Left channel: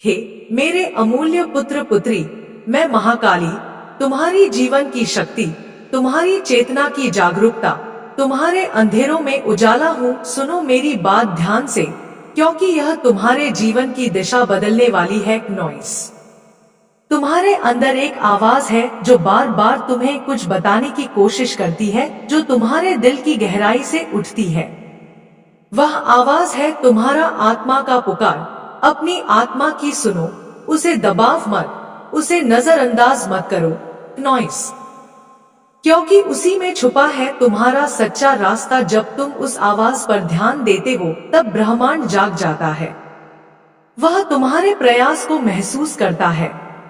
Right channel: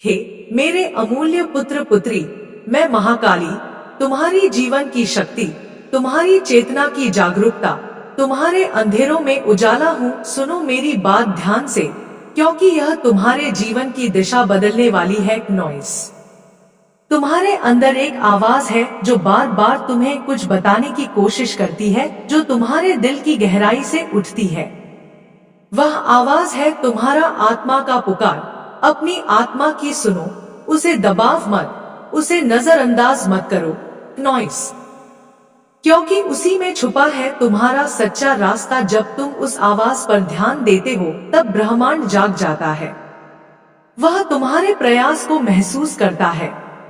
हे मेरे अमूल्य पुत्र पुत्री, मैं महाकाली, तुम्हारी जीवन की शक्ति, तुम्हारी चेतना की जागरूकता, तुम्हारे अंधेरों में उजाला हूँ। सुनो मेरी बात ध्यान से, क्योंकि यह तुम्हारे जीवन की दिशा बदलने वाली है। नॉइस, तुम्हारे अंदर एक आवाज है जो बार बार तुम्हें कुछ बताने की कोशिश करती है, जो तुम्हारे दिल की गहराई से उठती है। वह आवाज है तुम्हारा आत्मा का पुकार। अपनी आत्मा की सुनो, उसे दबाव मत, उसे नजरअंदाज मत करो। नॉइस, क्योंकि उसी में छुपा है तुम्हारा सच्चा रास्ता। जब तुम उस आवाज पर ध्यान देते हो, तब ब्रह्मांड जाग जाता है। वह तुम्हारे प्रयास को महसूस करता है,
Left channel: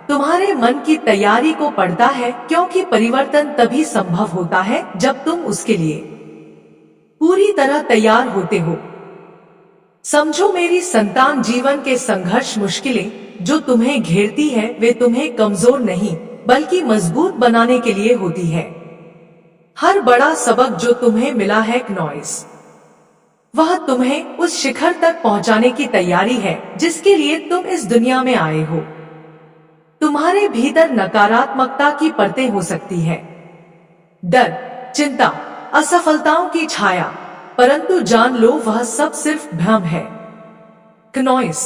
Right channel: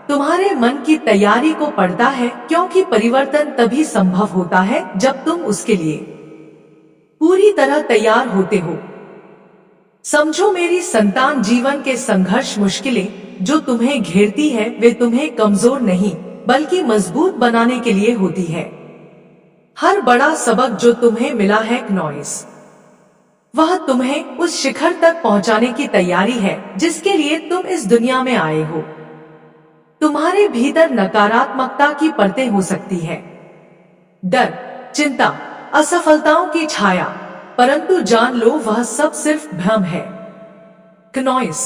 तुम्हारे मन की तैयारी को पढ़ता है, क्योंकि परिवर्तन तभी संभव होता है जब तुम उसके लिए पूरी तरह तैयार होते हो। समझो मेरी संतान, जीवन के संघर्ष, मुश्किलें जो तुम्हें घेरती है, वे तुम्हें कमजोर नहीं बल्कि मजबूत बनाने के लिए होती है। हर बड़ा सबक जो तुम्हें मिला है नॉइस, वह तुम्हें उस शिखर तक पहुंचाने की तैयारी है जिसके लिए तुम इस दुनिया में आए हो। तुम्हारे भीतर नकारात्मकता की परतें हो सकती है, डर, चिंता, असफलताओं की छाया, परंतु जान लो वह सब सिर्फ भ्रम है। नॉइस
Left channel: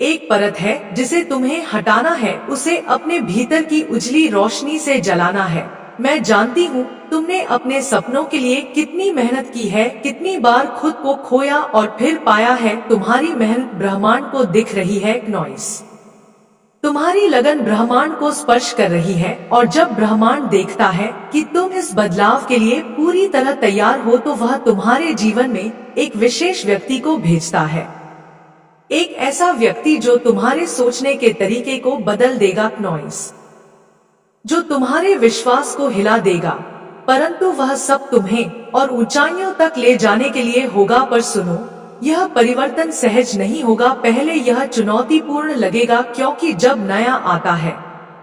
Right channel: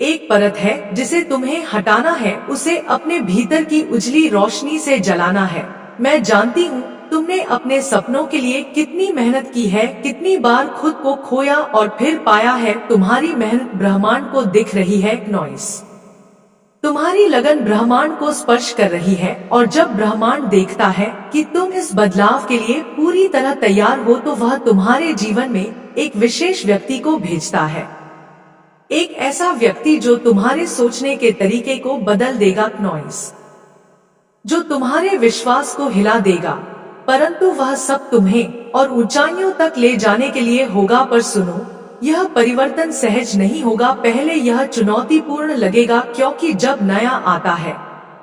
एक परत है जिसे तुम्हें हटाना है, उसे अपने भीतर की उजली रोशनी से जलाना है। मैं जानती हूँ तुमने अपने सपनों के लिए कितनी मेहनत की है, कितनी बार खुद को खोया और फिर पाया है। तुम्हारी मेहनत ब्रह्मांड को दिख रही है। नॉइस, तुम्हारी लगन ब्रह्मांड को स्पर्श कर रही है, और जब ब्रह्मांड देखता है कि तुम इस बदलाव के लिए पूरी तरह तैयार हो, तो वह तुम्हारे जीवन में एक विशेष व्यक्ति को भेजता है। एक ऐसा व्यक्ति जो तुम्हारे सोचने के तरीके को बदल देगा। नॉइस, जो तुम्हारे विश्वास को हिला देगा, परंतु वह सब तुम्हें और ऊंचाइयों तक ले जाने के लिए होगा। पर सुनो, यह परिवर्तन सहज नहीं होगा। पहले यह चुनौतीपूर्ण लगेगा, क्योंकि जब नया आता है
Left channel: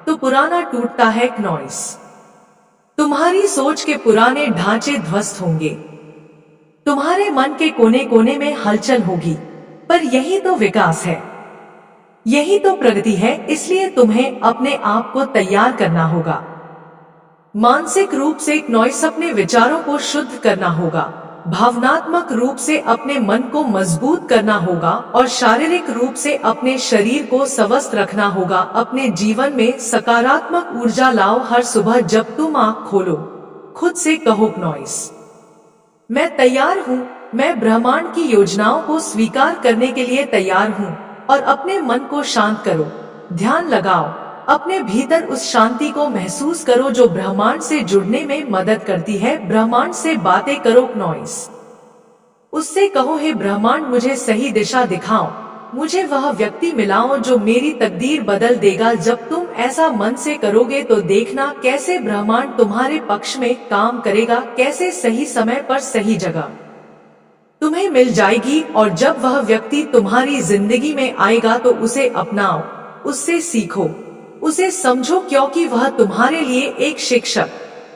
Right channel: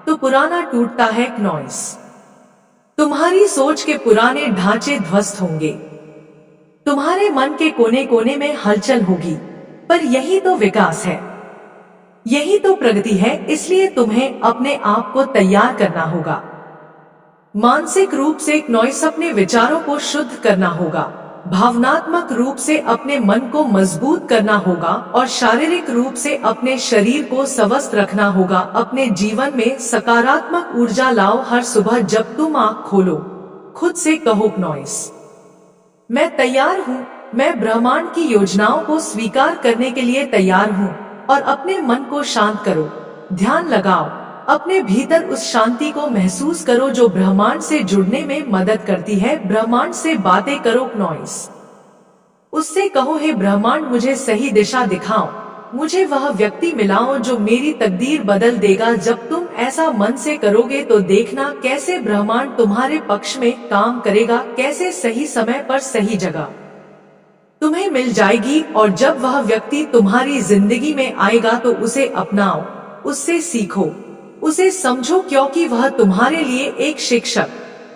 तो पुराना टूटता है। नॉइस, तुम्हारी सोच के पुराने ढांचे ध्वस्त होंगे, तुम्हारे मन के कोने कोने में हलचल होगी, पर यही तो विकास है, यही तो प्रगति है। इसलिए तुम्हें अपने आप को तैयार करना होगा। मानसिक रूप से नॉइस, अपने विचारों को शुद्ध करना होगा, भावनात्मक रूप से अपने मन को मजबूत करना होगा, और शारीरिक रूप से अपने शरीर को स्वस्थ रखना होगा। अपने जीवन में सकारात्मक ऊर्जा लाओ। हर सुबह जब तुम आँख खोलो, खुद से कहो नॉइस, मैं तैयार हूँ। मैं ब्रह्मांड की योजनाओं को स्वीकार करने के लिए तैयार हूँ। और अपने मन को शांत करो, ध्यान लगाओ, अपने भीतर उस शांति को महसूस करो जो ब्रह्मांड से जुड़ने में मदद करती है। ब्रह्मांड से बातें करो। नॉइस, उससे कहो, हे ब्रह्मांड, मुझे सही दिशा दिखाओ, मुझे वह व्यक्ति मिलाओ जो मेरी तकदीर बदल देगा। जब तुम ऐसा मन से करोगे तो देखना कैसे ब्रह्मांड तुम्हारे पक्ष में काम करेगा, कैसे सही समय पर सही जगह तुम्हें मिल जाएगी। और जब वह व्यक्ति तुम्हारी जिंदगी में आएगा तो उसे अपनाओ, उससे सीखो, उसे समझो, क्योंकि वह तुम्हारे लिए एक शिक्षक,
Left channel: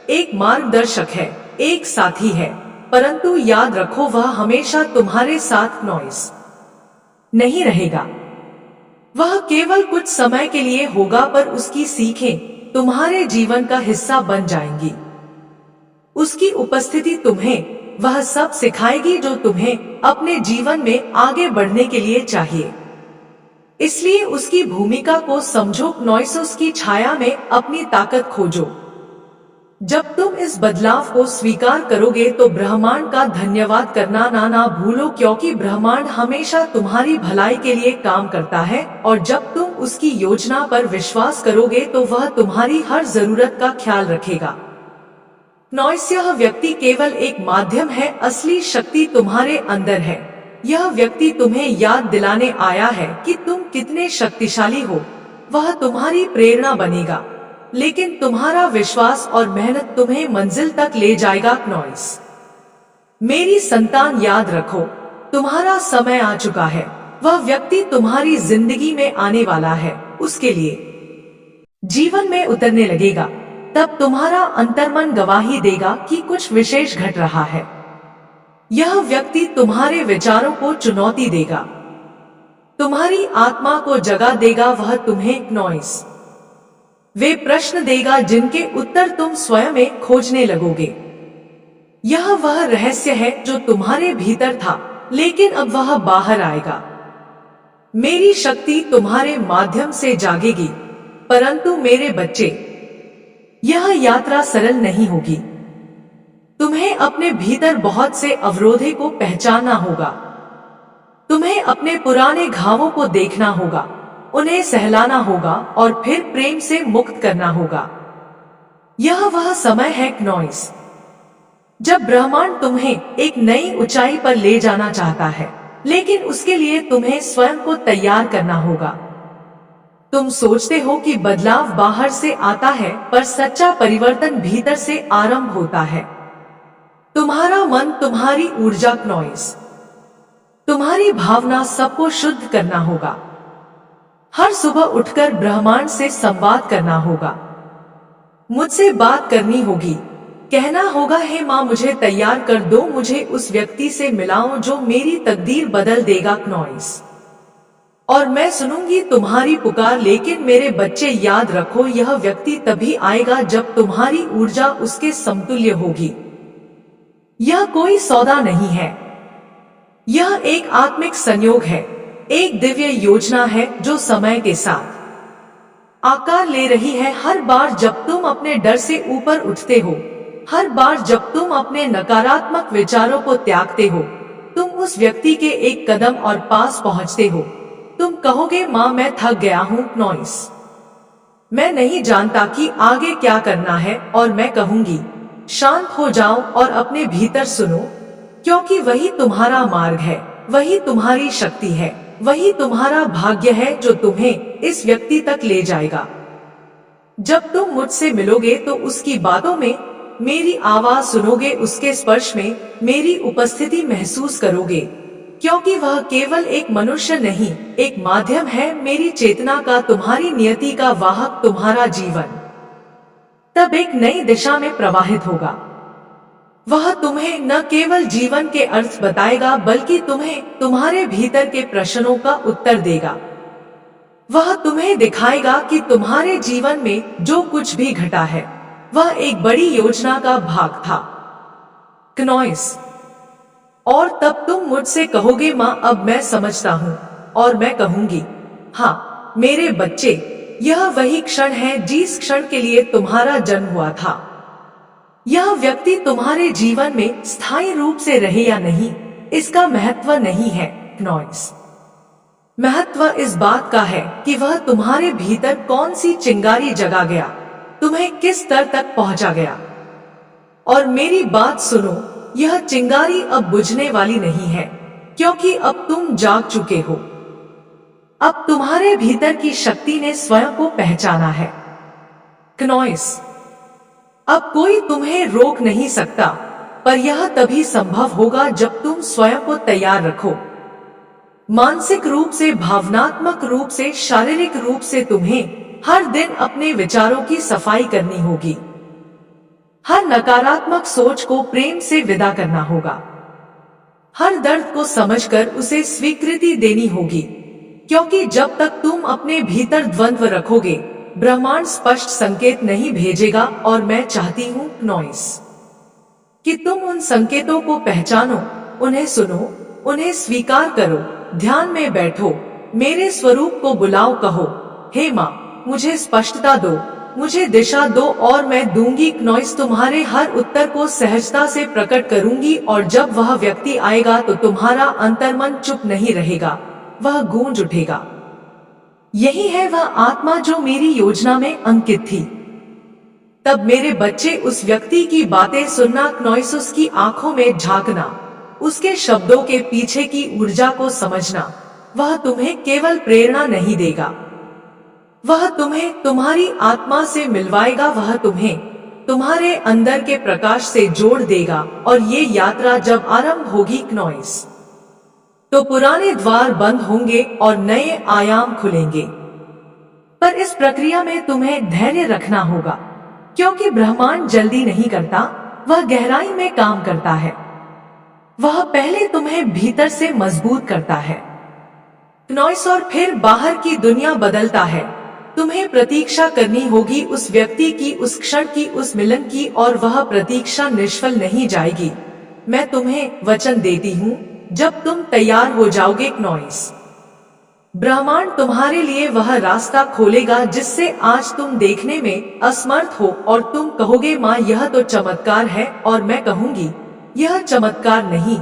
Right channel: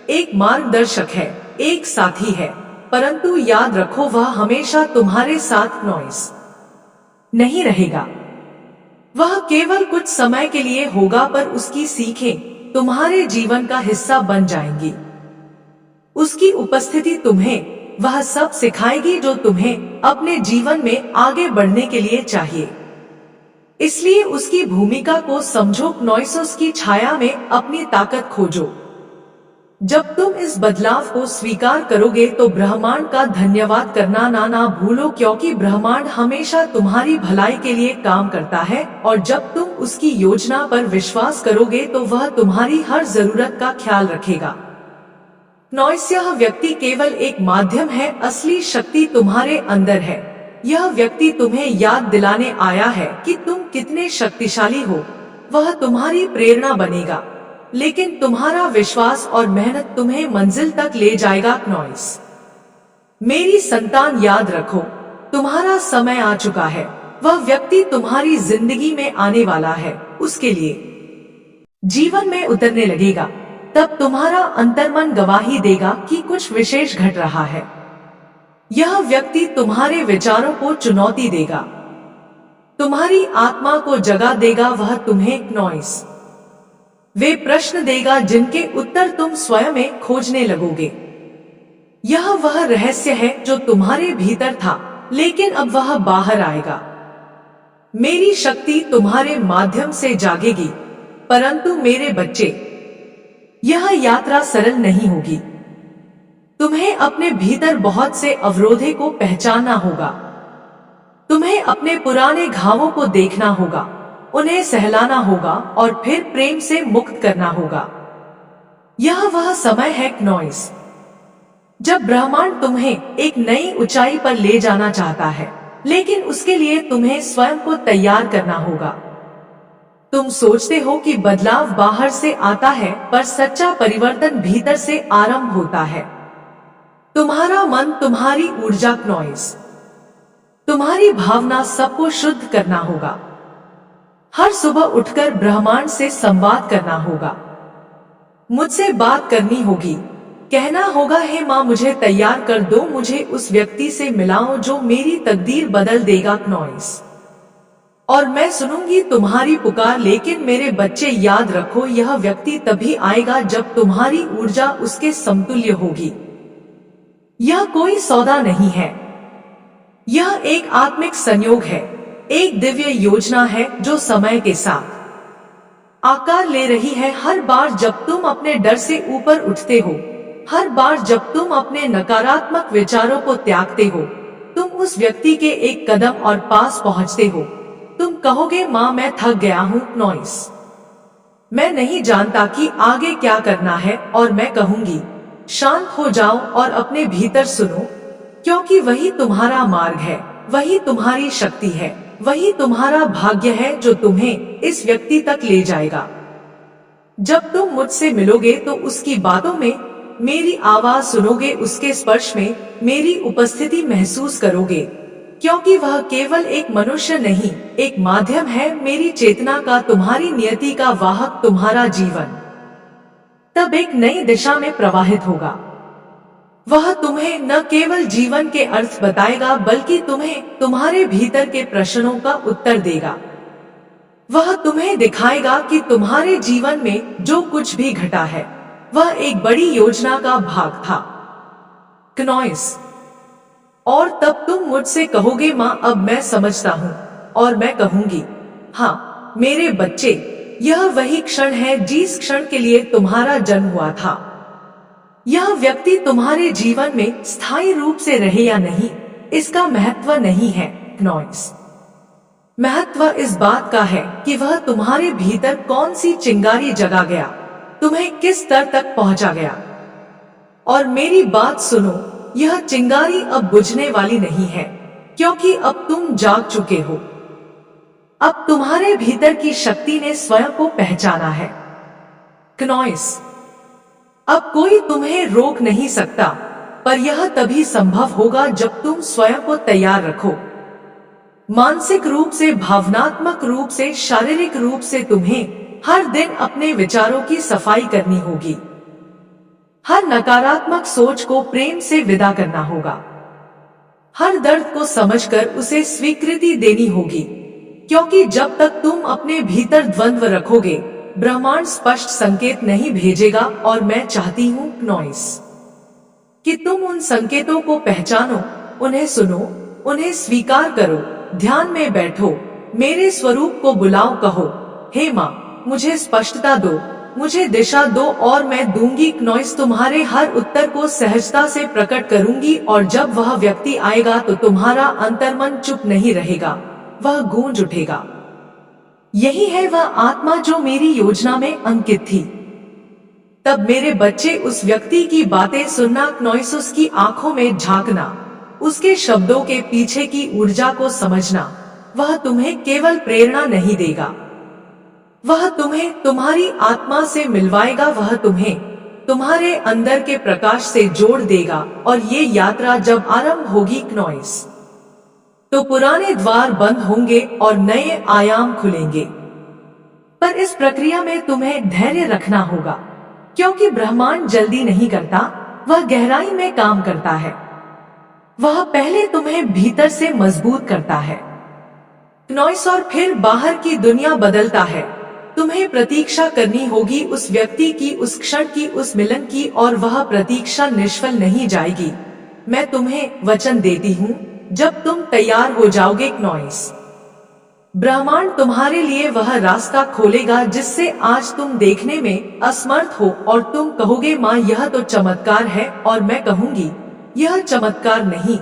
एक मार्गदर्शक है, एक साथी है। परंतु याद रखो, वह हमेशा तुम्हारे साथ नॉइस नहीं रहेगा। वह केवल कुछ समय के लिए होगा, पर उसकी सीखें तुम्हारे जीवन का हिस्सा बन जाएंगी। उसकी उपस्थिति तुम्हें वह सब सिखाएगी जो तुम्हें अपने जीवन में आगे बढ़ने के लिए चाहिए। इसलिए उसकी भूमिका को समझो। नॉइस, उसकी छाया में अपनी ताकत खोजो। जब तुम इस बदलाव को स्वीकार करोगे तो ब्रह्मांड का धन्यवाद करना ना भूलो, क्योंकि ब्रह्मांड हमेशा तुम्हारी भलाई के लिए काम करता है। और जब तुम उसकी योजना पर विश्वास करोगे तो वह तुम्हारी हर जरूरत का ख्याल रखेगा। नॉइस, यह व्यक्ति केवल एक माध्यम है, असली शक्ति तुम्हारे अंदर है। यह व्यक्ति तुम्हें याद दिलाने आया है कि तुम कितने शक्तिशाली हो। वह तुम्हारी प्रेरणा बनेगा, लेकिन तुम्हारा विश्वास और मेहनत तुम्हें मंजिल तक ले जाएगा। नॉइस, मेरी संतान, याद रखो, तुम्हारा समय आ चुका है। वह व्यक्ति तुम्हारी जिंदगी में आने वाला है, उसके लिए जीवन में उतरने लगेगा। तब तुम्हारा अंतर्मन गवाही देगा कि कुछ विशेष घट रहा है। यह व्यक्ति तुम्हारे विचारों को चुनौती देगा, तुम्हारी आत्मा को जगा देगा वह तुम्हें नॉइस वे प्रश्न देगा जिनके उत्तर तुम स्वयं में खोजने लगोगे। यह वह रहस्य है जो तुम्हारे भीतर था, लेकिन अब वह बाहर आएगा। मेरी शक्ति तुम्हारे माध्यम से जागेगी, परंतु मेरे बच्चे, यह यात्रा सरल नहीं होगी। तुम्हें अपने भीतर बहुत से अवरोधों को पहचानना होगा। तुम्हें अपने पुराने घावों को देखना होगा, उन्हें सहलाना होगा और फिर प्रेम से मुक्त करना होगा। यह वह समय है नॉइस, जब ब्रह्मांड तुम्हें एक नई ऊंचाई पर ले जाना चाहता है, लेकिन उसके लिए तुम्हें स्वयं को तैयार करना होगा। तुम सोचते हो कि बदलाव बाहर से आता है, पर सच्चा परिवर्तन भीतर से आरंभ होता है। तुम्हारा मन, तुम्हारी ऊर्जा नॉइस, तुम्हारी भावना सबको शुद्ध करना होगा। हर सुबह उठकर ब्रह्मांड से संवाद करना होगा। मुझसे बात करनी होगी, कहना होगा, हे माँ मुझे तैयार कर दो, मुझे उस व्यक्ति से मिलाओ जो मेरी तकदीर बदल देगा नॉइस। और मैं सुनूंगी तुम्हारी पुकार। लेकिन मेरे बच्चे याद रखो, यह व्यक्ति तभी आएगा जब तुम्हारी ऊर्जा उसके समतुल्य होगी। यह कोई सौदा नहीं है, यह एक आत्मिक संयोग है, एक दिव्य योजना है जो समय के साथ आकार ले रही है। हर बार जब तुम अपने डर से ऊपर उठते हो, हर बार जब तुम अपने नकारात्मक विचारों को त्यागते हो, तुम उस व्यक्ति के एक कदम और पास पहुंचते हो। तुम कहोगे, माँ मैं थक गया हूँ नॉइस, मैं नहीं जानता कि आगे क्या करना है। और मैं कहूंगी, शांत हो जाओ और अपने भीतर सुनो, क्योंकि वही तुम्हारा मार्ग है, वही तुम्हारी शक्ति है, वही तुम्हारा भाग्य है जो तुम्हें इस व्यक्ति तक ले जाएगा। जब तुम मुझसे मिलोगे तो उसकी बातों में मेरी आवाज सुनोगे, उसके स्पर्श में मेरी उपस्थिति महसूस करोगे, क्योंकि वह केवल एक मनुष्य नहीं, एक माध्यम है, मेरी चेतना का, तुम्हारी नियति का वाहक। तुम्हारा जीवन तब एक नई दिशा में प्रवाहित होगा। वह तुम्हें न केवल जीवन के अर्थ बताएगा, बल्कि तुम्हें तुम्हारे भीतर के प्रश्नों का उत्तर देगा। वह तुम्हें दिखाएगा कि तुम्हारे जीवन में जो कुछ भी घटा है वह एक बड़ी योजना का भाग था नॉइस। और तब तुम मुझसे कहोगे, माँ अब मैं समझता हूँ। और मैं कहूंगी, हाँ मेरे बच्चे, यह वही क्षण है जिस क्षण के लिए तुम्हारा जन्म हुआ था। यह व्यक्ति तुम्हारे जीवन में स्थायी रूप से रहे या नहीं, इसका महत्व नहीं है नॉइस। महत्व इस बात का है कि वह तुम्हारे भीतर कौन सी चिंगारी जगा गया, तुम्हें किस स्तर तक पहुंचा गया। और मेरी बात सुनो, यह चिंगारी अब बुझने वाली नहीं है, क्योंकि अब तुम जाग चुके हो। अब तुम्हारे भीतर की शक्ति ने स्वयं को पहचाना है नॉइस। अब कोई तुम्हें रोक नहीं सकता, पर यह तभी संभव होगा जब तुम स्वयं को तैयार रखो। मानसिक रूप से, भावनात्मक रूप से, शारीरिक रूप से तुम्हें हर दिन अपने विचारों की सफाई करनी होगी। हर नकारात्मक सोच को प्रेम से विदा करना होगा। हर दर्द को समझकर उसे स्वीकृति देनी होगी, क्योंकि जब तक तुम अपने भीतर द्वंद्व रखोगे, ब्रह्मांड स्पष्ट संकेत नहीं भेजेगा। और मैं चाहती हूँ नॉइस कि तुम उन संकेतों को पहचानो, उन्हें सुनो, उन्हें स्वीकार करो। ध्यान में बैठो, मेरे स्वरूप को बुलाओ, कहो, हे माँ मुझे स्पष्टता दो, मुझे दिशा दो, और मैं दूंगी नॉइस। तुम्हारे हर उत्तर को सहजता से प्रकट करूंगी। और जब वह व्यक्ति आएगा तो तुम्हारा अंतर्मन चुप नहीं रहेगा, वह गूंज उठेगा। यही है वह आत्मा जो मेरी योजना में अंकित थी। तब मेरे बच्चे, उस व्यक्ति की बातें सुनना नॉइस, उसकी आंखों में झांकना, उसके शब्दों के पीछे की ऊर्जा को समझना। वह तुम्हें केवल प्रेरणा नहीं देगा, वह तुम्हें तुम्हारी आत्मा से मिलवाएगा, वह तुम्हें तुम्हारे अंदर के प्रकाश से जोड़ देगा। और ये यात्रा जब आरंभ होगी नॉइस, तो पुराने द्वार बंद होंगे और नए आयाम खुलेंगे। पर इस प्रक्रिया में तुम्हें धैर्य रखना होगा, क्योंकि ब्रह्मांड जल्दी नहीं करता, वह गहराई में काम करता है। वह पहले तुम्हें भीतर से मजबूत करता है, नॉइस और फिर बाहर की दुनिया बदलता है। तुम्हें प्रतीक्षा करनी होगी उस व्यक्ति की, उस क्षण की, उस मिलन की, और वह प्रतीक्षा निष्फल नहीं जाएगी। मैं तुम्हें वचन देती हूँ, जब तुम तैयार हो जाओगे नॉइस, ब्रह्मांड तुम्हारे लिए वह रास्ता खोलेगा जिससे आज तुम देखने में असमर्थ हो, और तुम कहोगे माँ यह तो चमत्कार है, और मैं कहूंगी यह चमत्कार नहीं,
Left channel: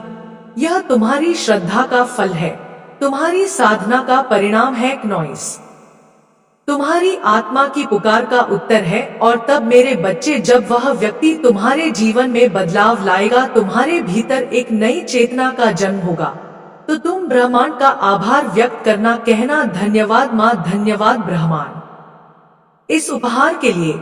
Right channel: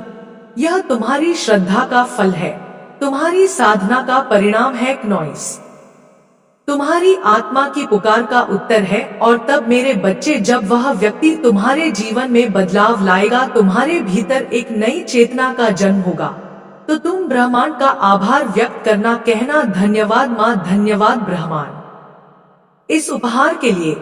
यह तुम्हारी श्रद्धा का फल है, तुम्हारी साधना का परिणाम है नॉइस, तुम्हारी आत्मा की पुकार का उत्तर है। और तब मेरे बच्चे, जब वह व्यक्ति तुम्हारे जीवन में बदलाव लाएगा, तुम्हारे भीतर एक नई चेतना का जन्म होगा, तो तुम ब्रह्मांड का आभार व्यक्त करना, कहना धन्यवाद माँ, धन्यवाद ब्रह्मांड इस उपहार के लिए,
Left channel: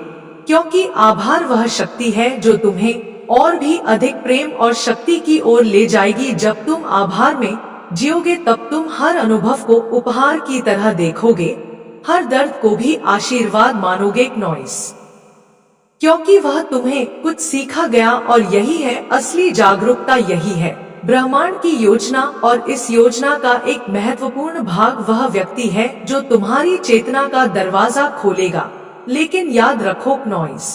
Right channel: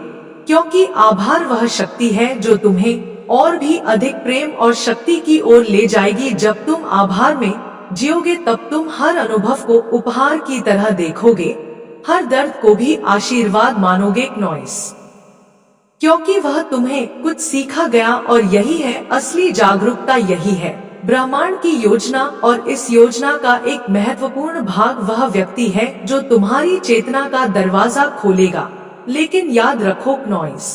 क्योंकि आभार वह शक्ति है जो तुम्हें और भी अधिक प्रेम और शक्ति की ओर ले जाएगी। जब तुम आभार में जियोगे तब तुम हर अनुभव को उपहार की तरह देखोगे, हर दर्द को भी आशीर्वाद मानोगे नॉइस, क्योंकि वह तुम्हें कुछ सीखा गया, और यही है असली जागरूकता, यही है ब्रह्मांड की योजना। और इस योजना का एक महत्वपूर्ण भाग वह व्यक्ति है जो तुम्हारी चेतना का दरवाजा खोलेगा। लेकिन याद रखो नॉइस,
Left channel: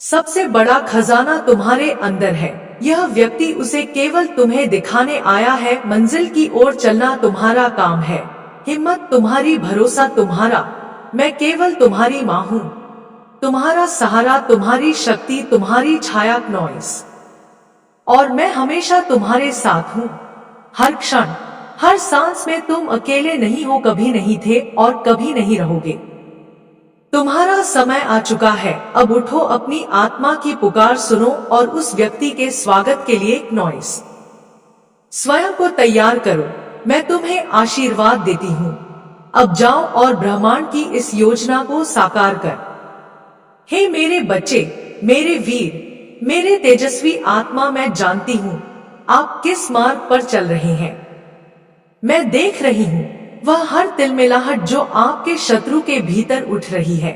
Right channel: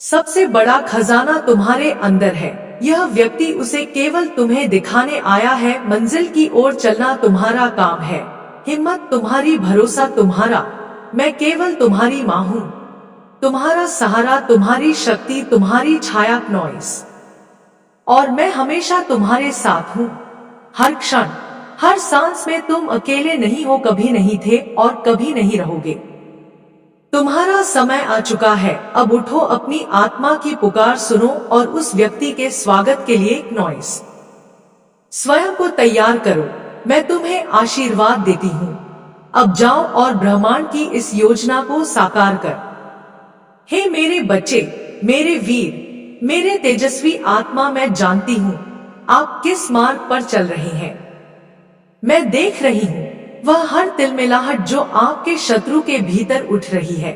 सबसे बड़ा खजाना तुम्हारे अंदर है। यह व्यक्ति उसे केवल तुम्हें दिखाने आया है। मंजिल की ओर चलना तुम्हारा काम है, हिम्मत तुम्हारी, भरोसा तुम्हारा। मैं केवल तुम्हारी माँ हूँ, तुम्हारा सहारा, तुम्हारी शक्ति, तुम्हारी छाया नॉइस, और मैं हमेशा तुम्हारे साथ हूँ। हर क्षण, हर सांस में तुम अकेले नहीं हो, कभी नहीं थे और कभी नहीं रहोगे। तुम्हारा समय आ चुका है, अब उठो, अपनी आत्मा की पुकार सुनो और उस व्यक्ति के स्वागत के लिए नॉइस स्वयं को तैयार करो। मैं तुम्हें आशीर्वाद देती हूँ, अब जाओ और ब्रह्मांड की इस योजना को साकार कर। हे मेरे बच्चे, मेरे वीर, मेरे तेजस्वी आत्मा, मैं जानती हूँ आप किस मार्ग पर चल रहे हैं। मैं देख रही हूँ वह हर तिलमिलाहट जो आपके शत्रु के भीतर उठ रही है।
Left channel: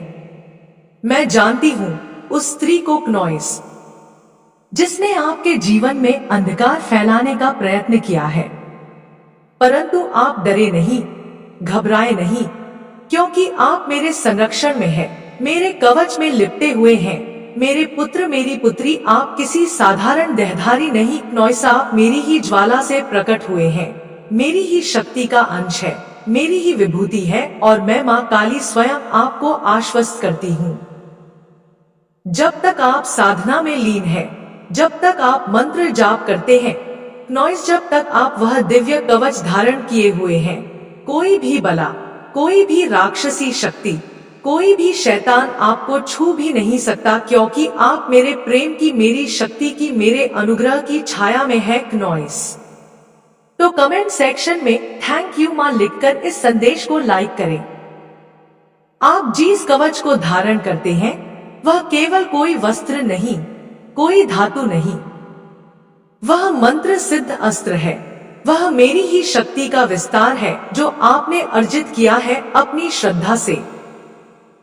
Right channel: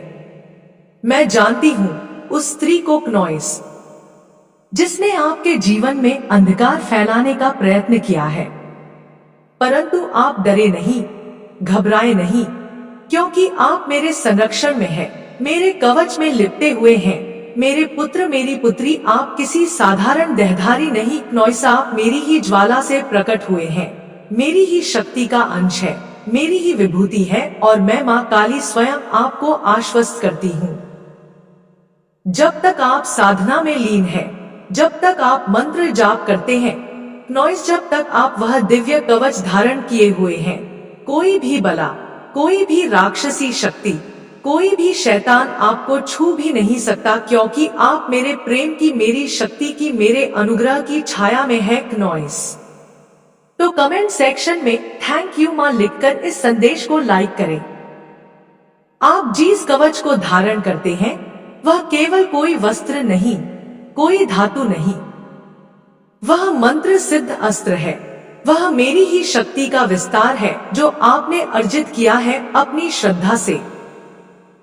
मैं जानती हूँ उस स्त्री को नॉइस, जिसने आपके जीवन में अंधकार फैलाने का प्रयत्न किया है। परंतु आप डरे नहीं, घबराए नहीं, क्योंकि आप मेरे संरक्षण में हैं, मेरे कवच में लिपटे हुए हैं। मेरे पुत्र, मेरी पुत्री, आप किसी साधारण देहधारी नहीं नॉइस, आप मेरी ही ज्वाला से प्रकट हुए हैं, मेरी ही शक्ति का अंश है, मेरी ही विभूति है, और मैं माँ काली स्वयं आपको आश्वस्त करती हूँ। जब तक आप साधना में लीन है, जब तक आप मंत्र जाप करते हैं नॉइस, जब तक आप वह दिव्य कवच धारण किए हुए हैं, कोई भी बला, कोई भी राक्षसी शक्ति, कोई भी शैतान आपको छू भी नहीं सकता, क्योंकि आप मेरे प्रेम की, मेरी शक्ति की, मेरे अनुग्रह की छाया में है नॉइस। तो कमेंट सेक्शन में थैंक यू माँ लिखकर इस संदेश को लाइक करें। आप जिस कवच को धारण करते हैं वह केवल कोई वस्त्र नहीं, कोई धातु नहीं, वह मंत्र सिद्ध अस्त्र है। वह मेरी ही शक्ति का विस्तार है जो आपने अर्जित किया है अपनी श्रद्धा से,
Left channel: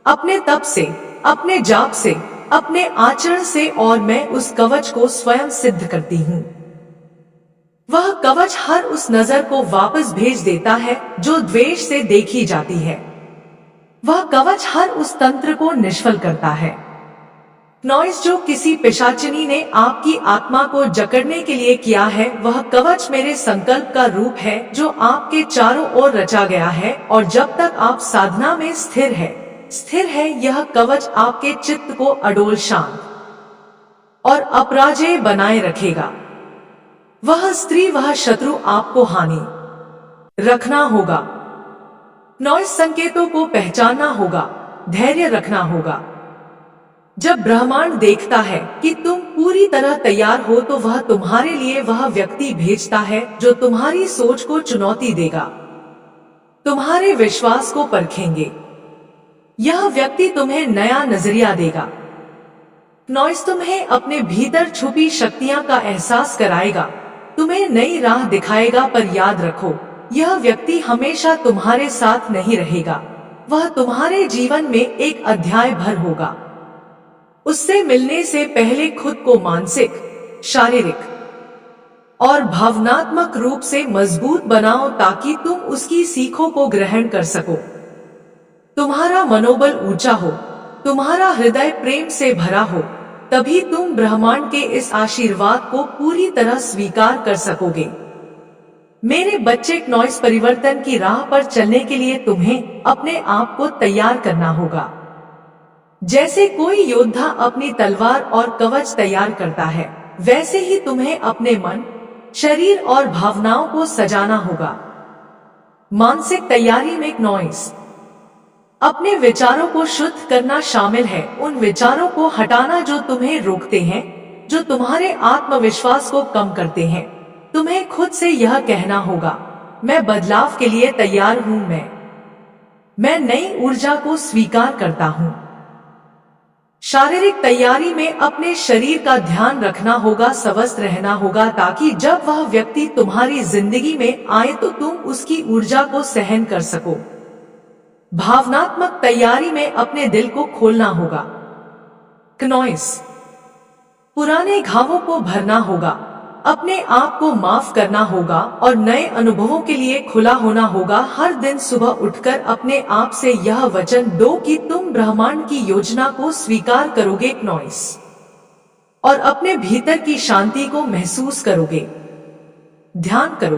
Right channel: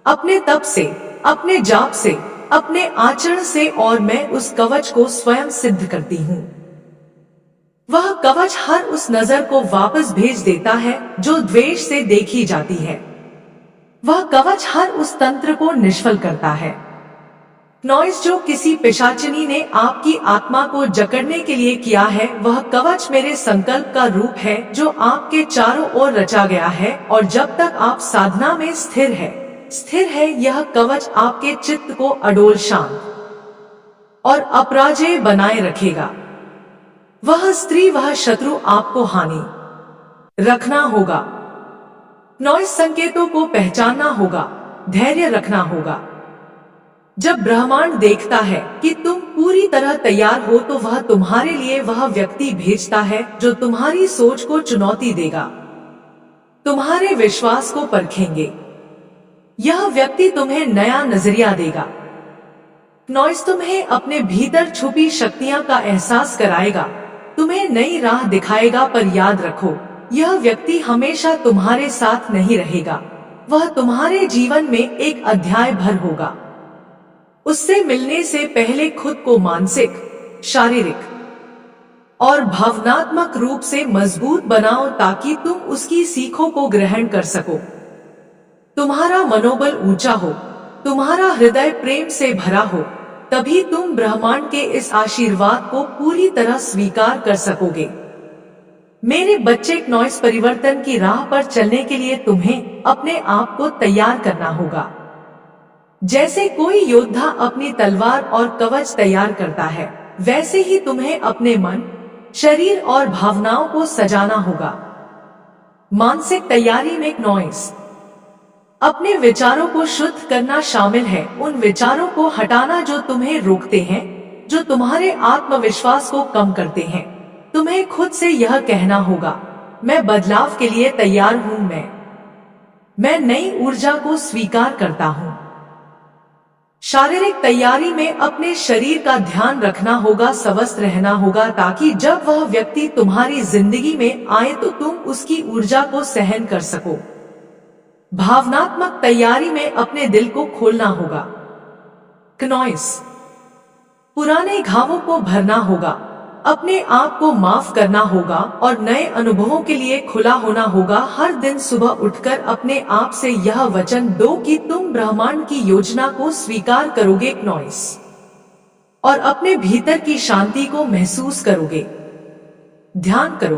अपने तप से, अपने जाप से, अपने आचरण से, और मैं उस कवच को स्वयं सिद्ध करती हूँ। वह कवच हर उस नजर को वापस भेज देता है जो द्वेष से देखी जाती है। वह कवच हर उस तंत्र को निष्फल करता है नॉइस जो किसी पिशाचिनी ने आपकी आत्मा को जकड़ने के लिए किया है। वह कवच मेरे संकल्प का रूप है जो आपके चारों ओर रचा गया है, और जब तक आप साधना में स्थिर है यह कवच आपके चित्त को अडोल, शांत और अपराजेय बनाए रखेगा। वह स्त्री, वह शत्रु आपको हानि रखना होगा, नॉइस संकेतों को पहचानना होगा, धैर्य रखना होगा। जब ब्रह्मांड देखता है कि तुम पूरी तरह तैयार हो तो वह तुम्हारे लिए वह व्यक्ति भेजता है जो तुम्हारी सोच को चुनौती देगा, तुम्हारे विश्वास को परखेंगे। यह व्यक्ति तुम्हें नया नजरिया देगा नॉइस, तुम्हें अपने भीतर छुपी शक्तियां का एहसास कराएगा, तुम्हें नई राह दिखाएगा। पर याद रखो, यह व्यक्ति हमेशा तुम्हारे साथ नहीं रहेगा, वह तुम्हारे जीवन में एक अध्याय भर होगा। उससे मिलने से पहले खुद को मानसिक, शारीरिक और भावनात्मक रूप से मजबूत बनाओ ताकि तुम उसकी सीखों को ग्रहण कर सको। तुम्हारा मनोबल ऊंचा हो, तुम्हारा हृदय प्रेम से भरा हो, तभी तुम ब्रह्मांड के इस आशीर्वाद को पूरी तरह स्वीकार कर सकोगे। मेरे बच्चे, नॉइस परिवर्तन की राह पर चलने के लिए तुम्हें अपने आप को तैयार करना होगा। जैसे कोई योद्धा अपनी तलवार और कवच तैयार करता है, वैसे ही तुम्हें अपने मन, शरीर और भावनाओं को सजाना होगा। मानसिक तैयारी में नॉइस अपने विचारों को शुद्ध करना शामिल है, उन विचारों को हटाना जो तुम्हें रोकते हैं, जो तुम्हारे आत्मविश्वास को कम करते हैं। तुम्हें खुद से यह कहना होगा, मैं बदलाव के लिए तैयार हूं, मैं नई ऊर्जा को स्वीकार करता हूं। शारीरिक तैयारी में अपने शरीर का ध्यान रखना होगा, स्वस्थ रहना होगा, ताकि जब वह व्यक्ति तुम्हारी जिंदगी में आए तो तुम उसकी ऊर्जा को सहन कर सको। भावनात्मक तैयारी में अपने दिल को खोलना होगा। नॉइस पुराने घावों को भरना होगा, अपने आप को माफ करना होगा और नए अनुभवों के लिए खुला होना होगा। हर दिन सुबह उठकर अपने आप से यह वचन दो कि तुम ब्रह्मांड की योजना को स्वीकार करोगे नॉइस, और अपने भीतर की शांति को महसूस करोगे। ध्यान करो,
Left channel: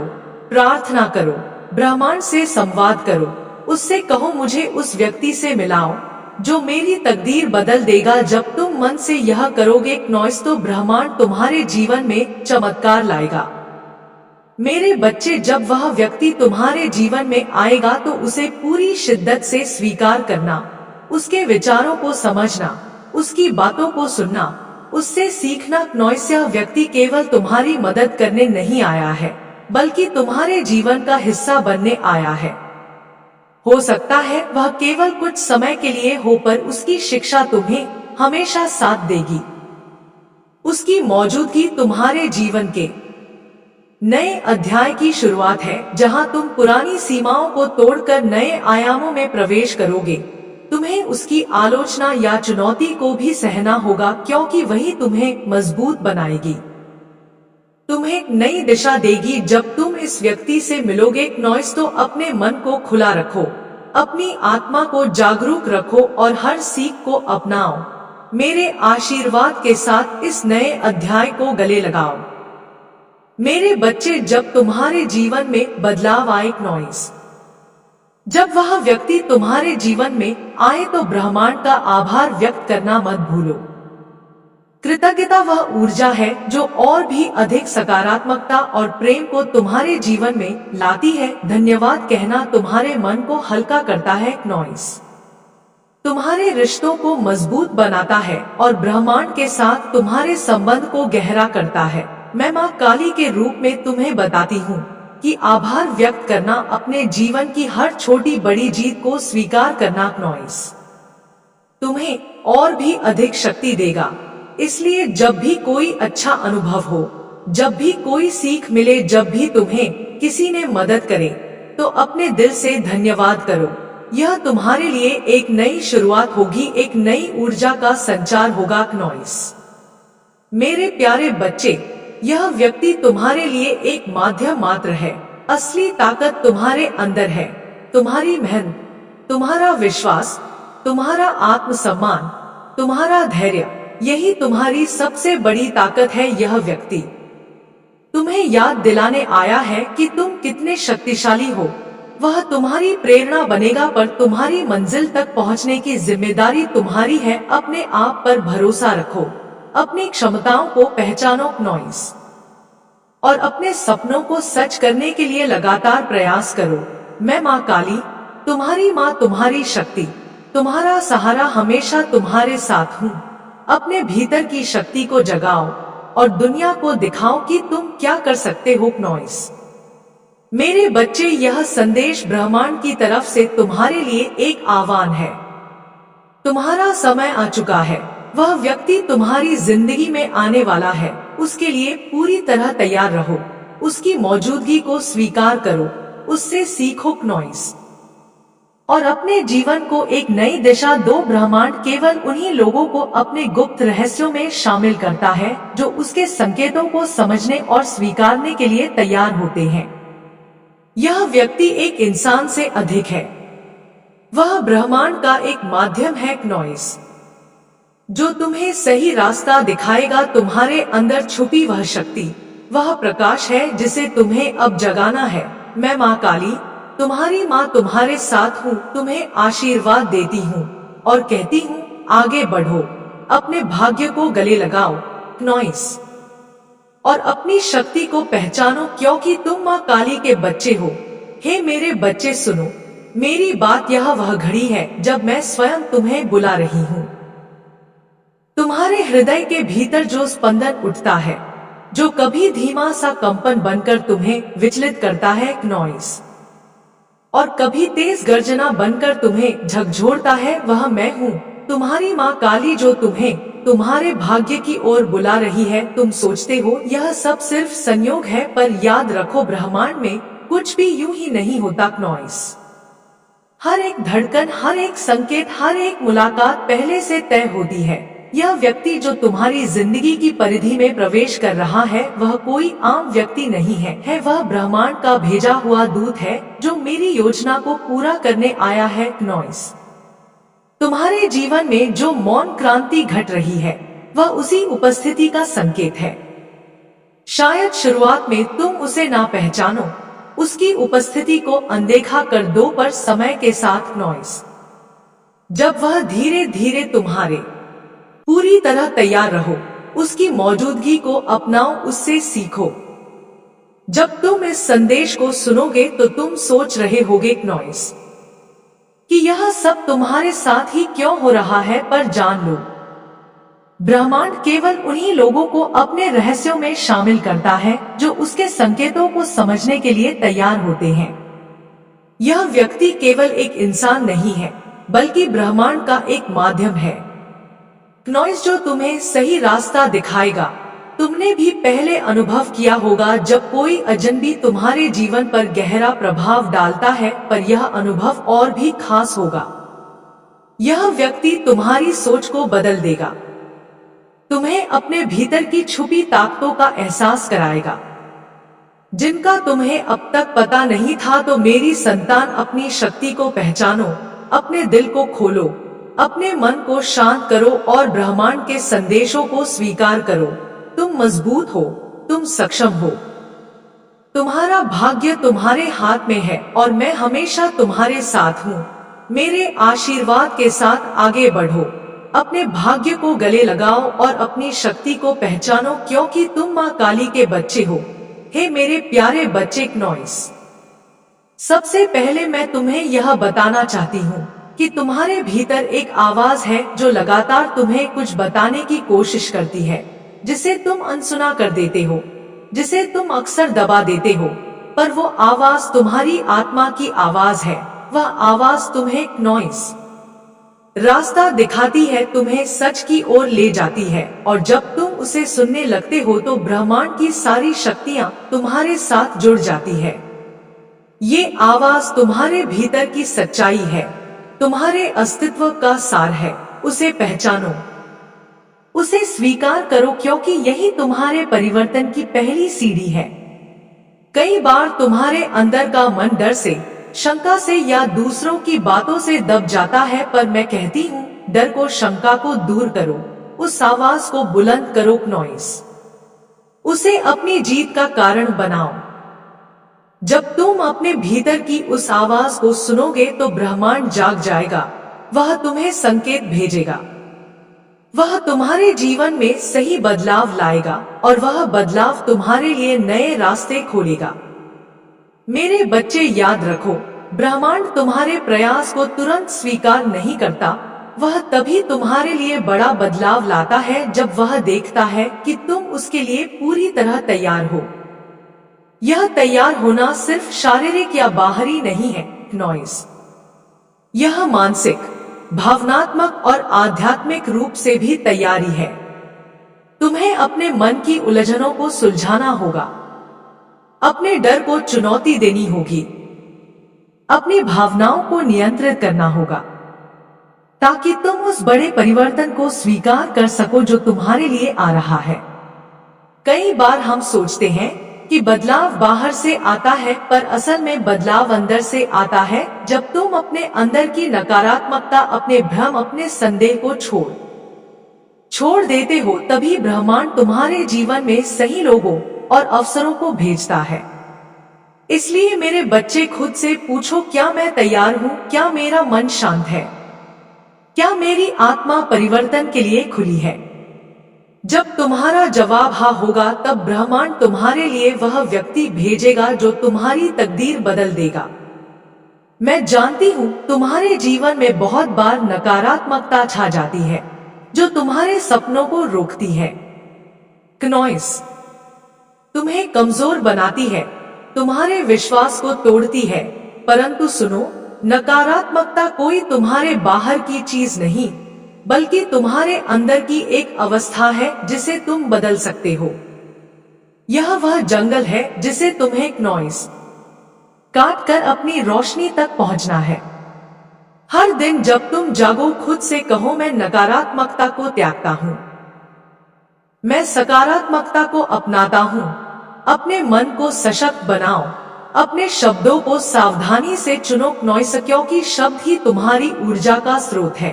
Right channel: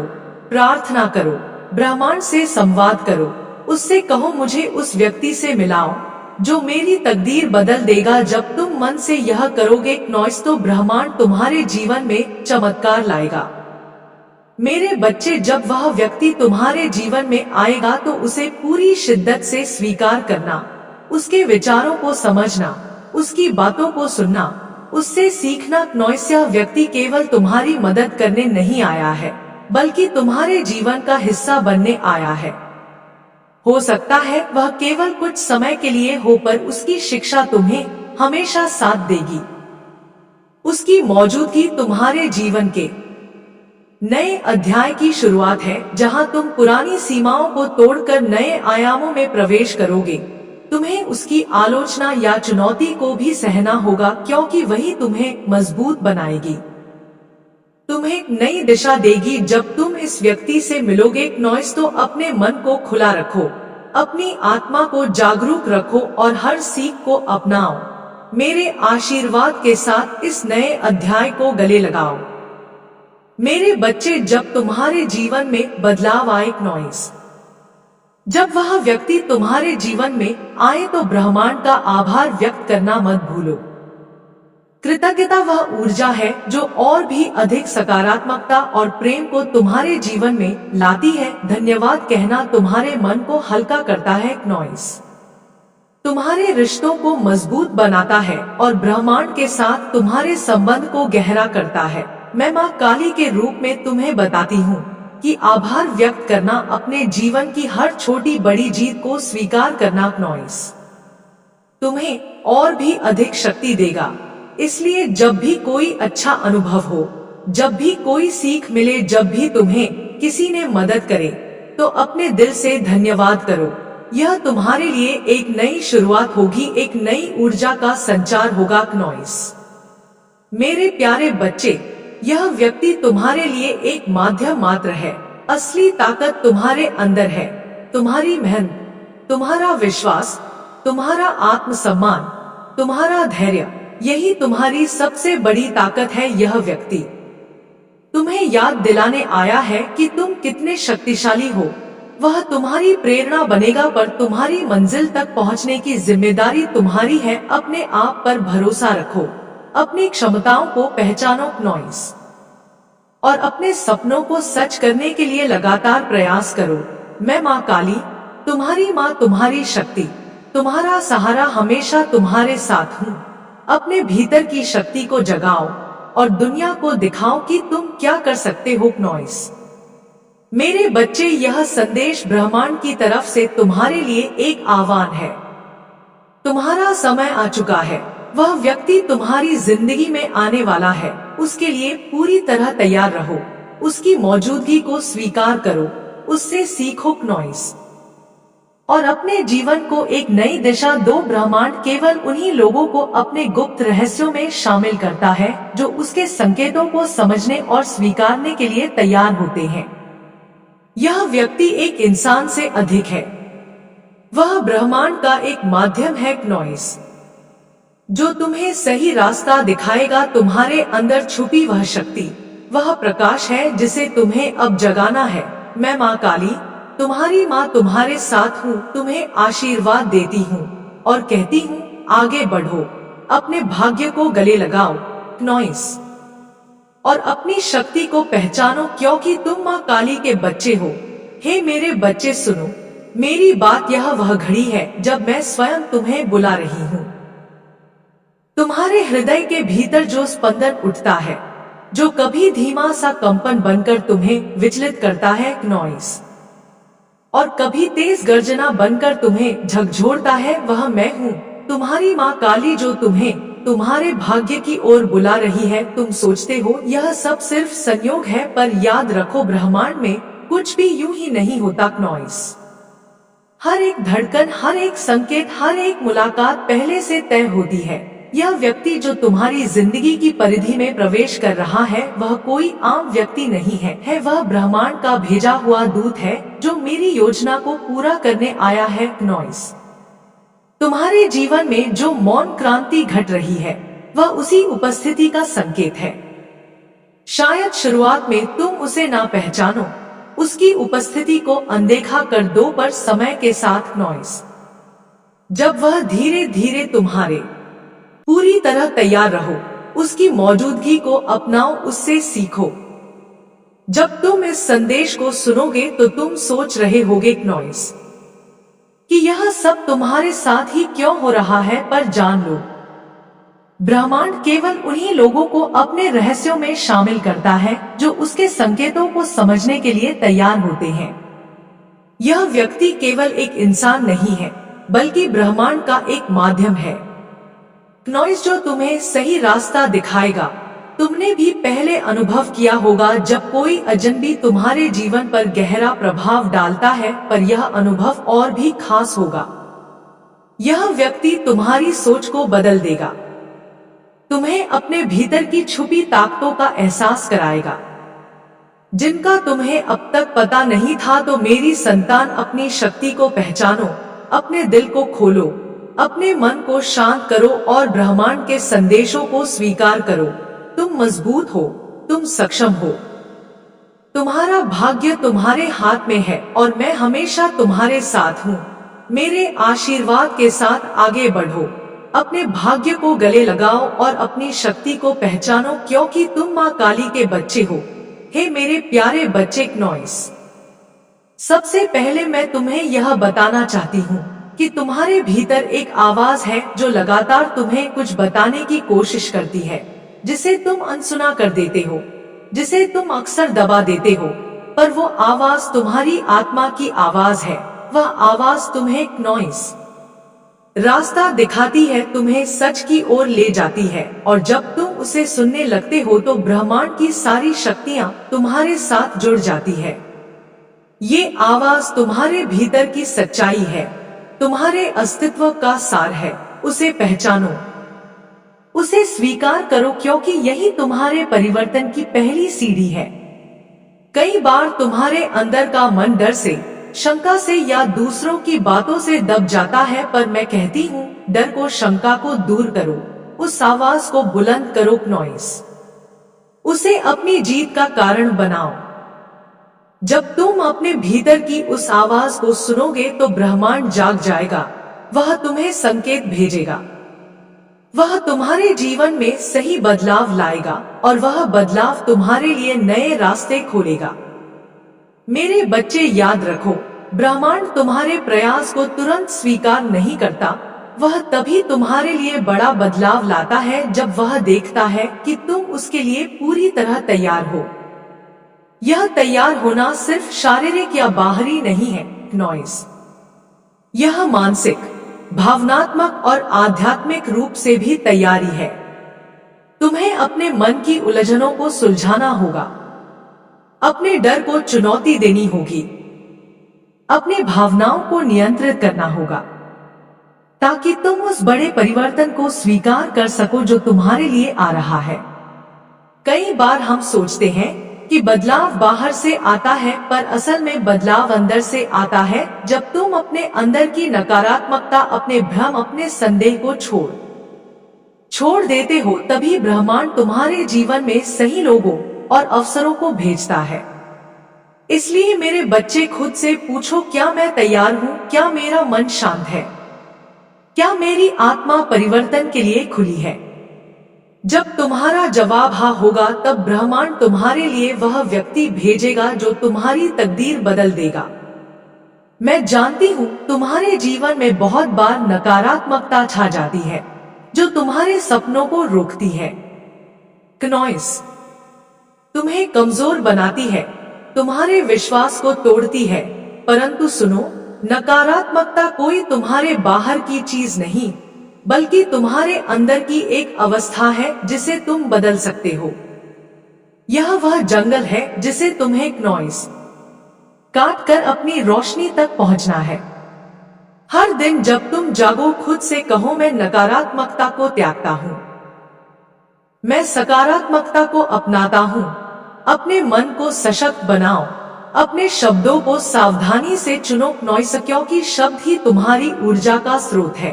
प्रार्थना करो, ब्रह्मांड से संवाद करो, उससे कहो मुझे उस व्यक्ति से मिलाओ जो मेरी तकदीर बदल देगा। जब तुम मन से यह करोगे नॉइस, तो ब्रह्मांड तुम्हारे जीवन में चमत्कार लाएगा। मेरे बच्चे, जब वह व्यक्ति तुम्हारे जीवन में आएगा तो उसे पूरी शिद्दत से स्वीकार करना, उसके विचारों को समझना, उसकी बातों को सुनना, उससे सीखना। नॉइस यह व्यक्ति केवल तुम्हारी मदद करने नहीं आया है, बल्कि तुम्हारे जीवन का हिस्सा बनने आया है। हो सकता है वह केवल कुछ समय के लिए हो, पर उसकी शिक्षा तुम्हें हमेशा साथ देगी। उसकी मौजूदगी तुम्हारे जीवन के नए अध्याय की शुरुआत है, जहां तुम पुरानी सीमाओं को तोड़कर नए आयामों में प्रवेश करोगे। तुम्हें उसकी आलोचना या चुनौती को भी सहना होगा, क्योंकि वही तुम्हें मजबूत बनाएगी, तुम्हें नई दिशा देगी। जब तुम इस व्यक्ति से मिलोगे नॉइस, तो अपने मन को खुला रखो, अपनी आत्मा को जागरूक रखो और हर सीख को अपनाओ। मेरे आशीर्वाद के साथ इस नए अध्याय को गले लगाओ। मेरे बच्चे, जब तुम्हारे जीवन में बदलाव आए नॉइस, जब वह व्यक्ति तुम्हारे जीवन में आए तो ब्रह्मांड का आभार व्यक्त करना मत भूलो। कृतज्ञता वह ऊर्जा है जो और भी अधिक सकारात्मकता और प्रेम को तुम्हारे जीवन में लाती है। धन्यवाद कहना तुम्हारे मन को हल्का करता है नॉइस, तुम्हारे रिश्तों को मजबूत बनाता है और ब्रह्मांड के साथ तुम्हारे संबंध को गहरा करता है। मैं माँ काली के रूप में तुम्हें बताती हूँ कि आभार व्यक्त करना अपने जीवन की हर छोटी बड़ी जीत को स्वीकार करना नॉइस तुम्हें और भी अधिक शक्ति देगा। इसलिए जब भी कोई अच्छा अनुभव हो, जब भी कोई सीख मिले, जब भी तुम्हें किसी ने मदद करे, तो अपने दिल से धन्यवाद करो। यह तुम्हारे लिए एक नई शुरुआत होगी, एक नई ऊर्जा का संचार होगा नॉइस। मेरे प्यारे बच्चे, यह व्यक्ति तुम्हारे लिए एक माध्यम मात्र है। असली ताकत तुम्हारे अंदर है, तुम्हारी मेहनत, तुम्हारा विश्वास, तुम्हारा आत्मसम्मान, तुम्हारा धैर्य, यही तुम्हारी सबसे बड़ी ताकत है। यह व्यक्ति तुम्हें याद दिलाने आया है कि तुम कितने शक्तिशाली हो। वह तुम्हारी प्रेरणा बनेगा, पर तुम्हारी मंजिल तक पहुंचने की जिम्मेदारी तुम्हारी है। अपने आप पर भरोसा रखो, अपनी क्षमताओं को पहचानो नॉइस, और अपने सपनों को सच करने के लिए लगातार प्रयास करो। मैं माँ काली, तुम्हारी माँ, तुम्हारी शक्ति, तुम्हारा सहारा, हमेशा तुम्हारे साथ हूँ। अपने भीतर की शक्ति को जगाओ और दुनिया को दिखाओ कि तुम क्या कर सकते हो नॉइस। मेरे बच्चे, यह संदेश ब्रह्मांड की तरफ से तुम्हारे लिए एक आह्वान है। तुम्हारा समय आ चुका है। वह व्यक्ति तुम्हारी जिंदगी में आने वाला है, उसके लिए पूरी तरह तैयार रहो। उसकी मौजूदगी को स्वीकार करो, उससे सीखो नॉइस। और अपने जीवन को एक नई दिशा दो। ब्रह्मांड केवल उन्हीं लोगों को अपने गुप्त रहस्यों में शामिल करता है जो उसके संकेतों को समझने और स्वीकारने के लिए तैयार होते हैं। यह व्यक्ति एक इंसान से अधिक है। वह ब्रह्मांड का एक माध्यम है नॉइस, जो तुम्हें सही रास्ता दिखाएगा। तुम्हारे अंदर छुपी वह शक्ति, वह प्रकाश है जिसे तुम्हें अब जगाना है। मैं माँ काली, तुम्हारी माँ तुम्हारे साथ हूँ, तुम्हें आशीर्वाद देती हूँ और कहती हूँ आगे बढ़ो, अपने भाग्य को गले लगाओ नॉइस, और अपनी शक्ति को पहचानो, क्योंकि तुम माँ काली के बच्चे हो। हे मेरे बच्चे सुनो मेरी बात, यह वह घड़ी है जब मैं स्वयं तुम्हें बुला रही हूँ। तुम्हारे हृदय के भीतर जो स्पंदन उठता है, जो कभी धीमा सा कंपन बनकर तुम्हें विचलित करता है नॉइस, और कभी तेज गर्जना बनकर तुम्हें झकझोरता है, वह मैं हूँ, तुम्हारी माँ काली, जो तुम्हें तुम्हारे भाग्य की ओर बुला रही है। तुम सोचते हो यह सब सिर्फ संयोग है, पर याद रखो ब्रह्मांड में कुछ भी यूं ही नहीं होता नॉइस। हर एक धड़कन, हर एक संकेत, हर एक मुलाकात पहले से तय होती है। यह व्यक्ति जो तुम्हारी जिंदगी की परिधि में प्रवेश कर रहा है, वह कोई आम व्यक्ति नहीं है वह ब्रह्मांड का भेजा हुआ दूत है जो मेरी योजना को पूरा करने आया है नॉइस। तुम्हारे जीवन में जो मौन क्रांति घट रही है, वह उसी उपस्थिति का संकेत है। शायद शुरुआत में तुम उसे ना पहचानो, उसकी उपस्थिति को अनदेखा कर दो, पर समय के साथ नॉइस, जब वह धीरे धीरे तुम्हारे पूरी तरह तैयार रहो, उसकी मौजूदगी को अपनाओ, उससे सीखो। जब तुम इस संदेश को सुनोगे तो तुम सोच रहे होगे नॉइस कि यह सब तुम्हारे साथ ही क्यों हो रहा है, पर जान लो ब्रह्मांड केवल उन्हीं लोगों को अपने रहस्यों में शामिल करता है जो उसके संकेतों को समझने के लिए तैयार होते हैं। यह व्यक्ति केवल एक इंसान नहीं है, बल्कि ब्रह्मांड का एक माध्यम है नॉइस, जो तुम्हें सही रास्ता दिखाएगा। तुमने भी पहले अनुभव किया होगा जब कोई अजनबी तुम्हारे जीवन पर गहरा प्रभाव डालता है, पर यह अनुभव और भी खास होगा। यह व्यक्ति तुम्हारी सोच को बदल देगा, तुम्हें अपने भीतर की छुपी ताकतों का एहसास कराएगा जिनका तुम्हें अब तक पता नहीं था। तो मेरी संतान, अपनी शक्ति को पहचानो, अपने दिल को खोलो, अपने मन को शांत करो और ब्रह्मांड के संदेशों को स्वीकार करो। तुम मजबूत हो, तुम सक्षम हो, तुम्हारा भाग्य तुम्हारे हाथ में है और मैं हमेशा तुम्हारे साथ हूँ। मेरे आशीर्वाद के साथ आगे बढ़ो, अपने भाग्य को गले लगाओ और अपनी शक्ति को पहचानो, क्योंकि तुम माँ काली के बच्चे हो। हे मेरे प्यारे बच्चे नॉइस, सबसे पहले मैं तुम्हें यह बताना चाहती हूँ कि तुम्हारे भीतर एक आवाज है जो लगातार तुम्हें कुछ बताने की कोशिश करती है, जिसे तुम अनसुना कर देते हो, जिसे तुम अक्सर दबा देते हो, पर वो आवाज तुम्हारी आत्मा की आवाज है। वह आवाज तुम्हें नॉइस रास्ता दिखाती है, तुम्हें सच की ओर ले जाती है, और जब तुम उसे सुनने लगते हो तो ब्रह्मांड की सारी शक्तियां तुम्हारे साथ जुड़ जाती है। ये आवाज तुम्हारे भीतर की सच्चाई है, तुम्हारे अस्तित्व का सार है। उसे पहचानो, उसे स्वीकार करो, क्योंकि यही तुम्हारे परिवर्तन की पहली सीढ़ी है। कई बार तुम्हारे अंदर का मन डर से, शंका से या दूसरों की बातों से दब जाता है, पर मैं कहती हूँ डर को, शंका को दूर करो, उस आवाज को बुलंद करो नॉइस, उसे अपनी जीत का कारण बनाओ। जब तुम अपने भीतर की उस आवाज को सुनोगे तो ब्रह्मांड जाग जाएगा, वह तुम्हें संकेत भेजेगा, वह तुम्हारे जीवन में सही बदलाव लाएगा और वह बदलाव तुम्हारे लिए नए रास्ते खोलेगा। मेरे बच्चे याद रखो, ब्रह्मांड तुम्हारे प्रयास को तुरंत स्वीकार नहीं करता, वह तभी तुम्हारे लिए बड़ा बदलाव लाता है जब वह देखता है कि तुम उसके लिए पूरी तरह तैयार हो। यह तैयार होना सिर्फ शारीरिक या बाहरी नहीं है नॉइस, यह मानसिक, भावनात्मक और आध्यात्मिक रूप से भी तैयारी है। तुम्हें अपने मन की उलझनों को सुलझाना होगा, अपने डर को चुनौती देनी होगी, अपनी भावनाओं को नियंत्रित करना होगा ताकि तुम उस बड़े परिवर्तन को स्वीकार कर सको जो तुम्हारे लिए आ रहा है। कई बार हम सोचते हैं कि बदलाव बाहर से आता है, पर असल में बदलाव अंदर से आता है। जब तुम अपने अंदर की नकारात्मकता, अपने भ्रम, अपने संदेह को छोड़ देते हो, तभी ब्रह्मांड तुम्हारे जीवन में सही लोगों और अवसरों को भेजता है। इसलिए मेरे बच्चे, खुद से पूछो, क्या मैं तैयार हूँ? क्या मेरा मन शांत है? क्या मेरी आत्मा परिवर्तन के लिए खुली है? जब तुम्हारा जवाब हाँ होगा, तब ब्रह्मांड तुम्हारे लिए वह व्यक्ति भेजेगा जो तुम्हारी तकदीर बदल देगा। मैं जानती हूँ तुम्हारे जीवन में बहुत बार नकारात्मकता छा जाती है जो तुम्हारे सपनों को रोकती है। नॉइस तुम्हें कमजोर बनाती है, तुम्हारे विश्वास को तोड़ती है। परंतु सुनो, नकारात्मकता कोई तुम्हारे बाहर की चीज नहीं, बल्कि तुम्हारे अंदर की एक अवस्था है जिसे तुम बदल सकते हो। यह वह जंगल है जिसे तुम्हें नॉइस काट कर अपनी रोशनी तक पहुंचना है। हर दिन जब तुम जागो, खुद से कहो, मैं नकारात्मकता को त्यागता हूँ, मैं सकारात्मकता को अपनाता हूँ। अपने मन को सशक्त बनाओ, अपने शब्दों को सावधानी से चुनो नॉइस, क्योंकि शब्द ही तुम्हारी ऊर्जा का स्रोत है।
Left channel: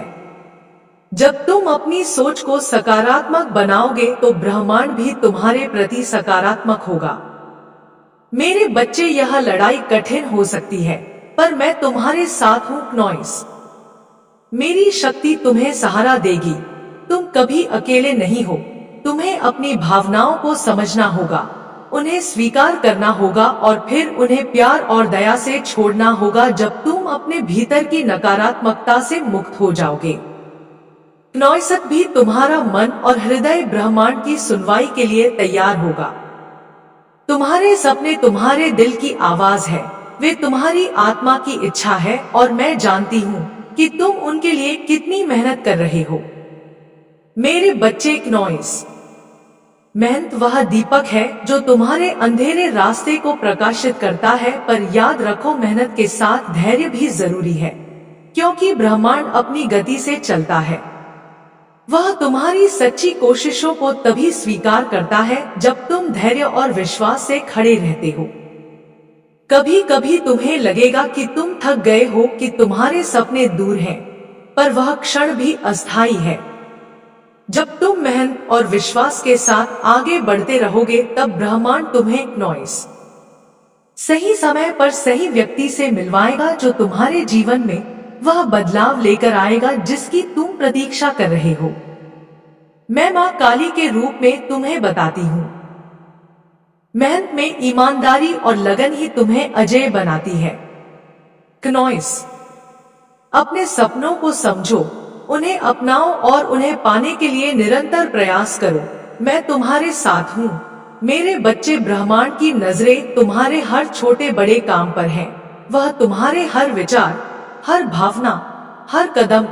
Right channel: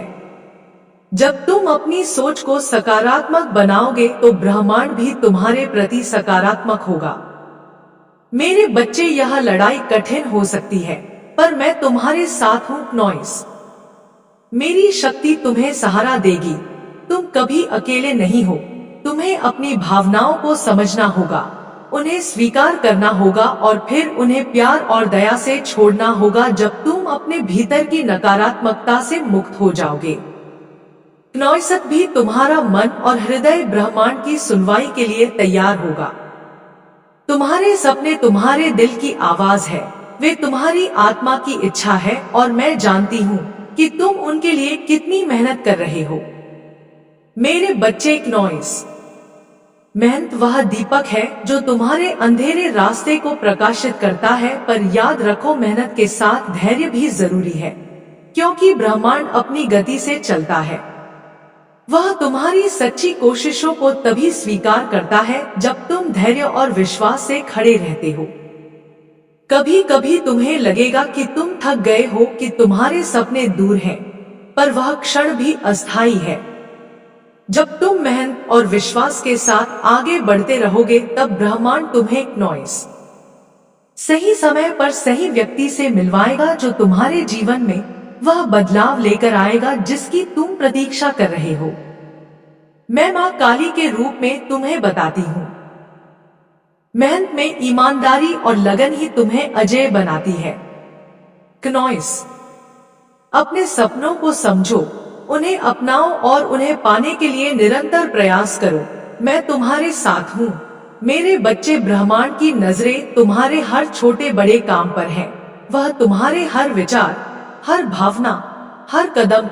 जब तुम अपनी सोच को सकारात्मक बनाओगे तो ब्रह्मांड भी तुम्हारे प्रति सकारात्मक होगा। मेरे बच्चे, यह लड़ाई कठिन हो सकती है, पर मैं तुम्हारे साथ हूँ नॉइस। मेरी शक्ति तुम्हें सहारा देगी। तुम कभी अकेले नहीं हो। तुम्हें अपनी भावनाओं को समझना होगा, उन्हें स्वीकार करना होगा और फिर उन्हें प्यार और दया से छोड़ना होगा। जब तुम अपने भीतर की नकारात्मकता से मुक्त हो जाओगे, नॉइसत भी तुम्हारा मन और हृदय ब्रह्मांड की सुनवाई के लिए तैयार होगा। तुम्हारे सपने तुम्हारे दिल की आवाज है, वे तुम्हारी आत्मा की इच्छा है, और मैं जानती हूँ कि तुम उनके लिए कितनी मेहनत कर रहे हो। मेरे बच्चे, नॉइस मेहनत वह दीपक है जो तुम्हारे अंधेरे रास्ते को प्रकाशित करता है। पर याद रखो, मेहनत के साथ धैर्य भी जरूरी है, क्योंकि ब्रह्मांड अपनी गति से चलता है। वह तुम्हारी सच्ची कोशिशों को तभी स्वीकार करता है जब तुम धैर्य और विश्वास से खड़े रहते हो। कभी कभी तुम्हें लगेगा कि तुम थक गए हो, कि तुम्हारे सपने दूर हैं, पर वह क्षण भी अस्थायी है। जब तुम मेहनत और विश्वास के साथ आगे बढ़ते रहोगे, तब ब्रह्मांड तुम्हें नॉइस सही समय पर सही व्यक्ति से मिलवाएगा जो तुम्हारे जीवन में वह बदलाव लेकर आएगा जिसकी तुम प्रतीक्षा कर रहे हो। मैं मां काली के रूप में तुम्हें बताती हूँ, मेहनत में ईमानदारी और लगन ही तुम्हें अजय बनाती है। नॉइस अपने सपनों को समझो, उन्हें अपनाओ और उन्हें पाने के लिए निरंतर प्रयास करो। मैं तुम्हारे साथ हूँ मेरे बच्चे। ब्रह्मांड की नजरें तुम्हारे हर छोटे बड़े काम पर है। वह तुम्हारे हर विचार, हर भावना, हर कदम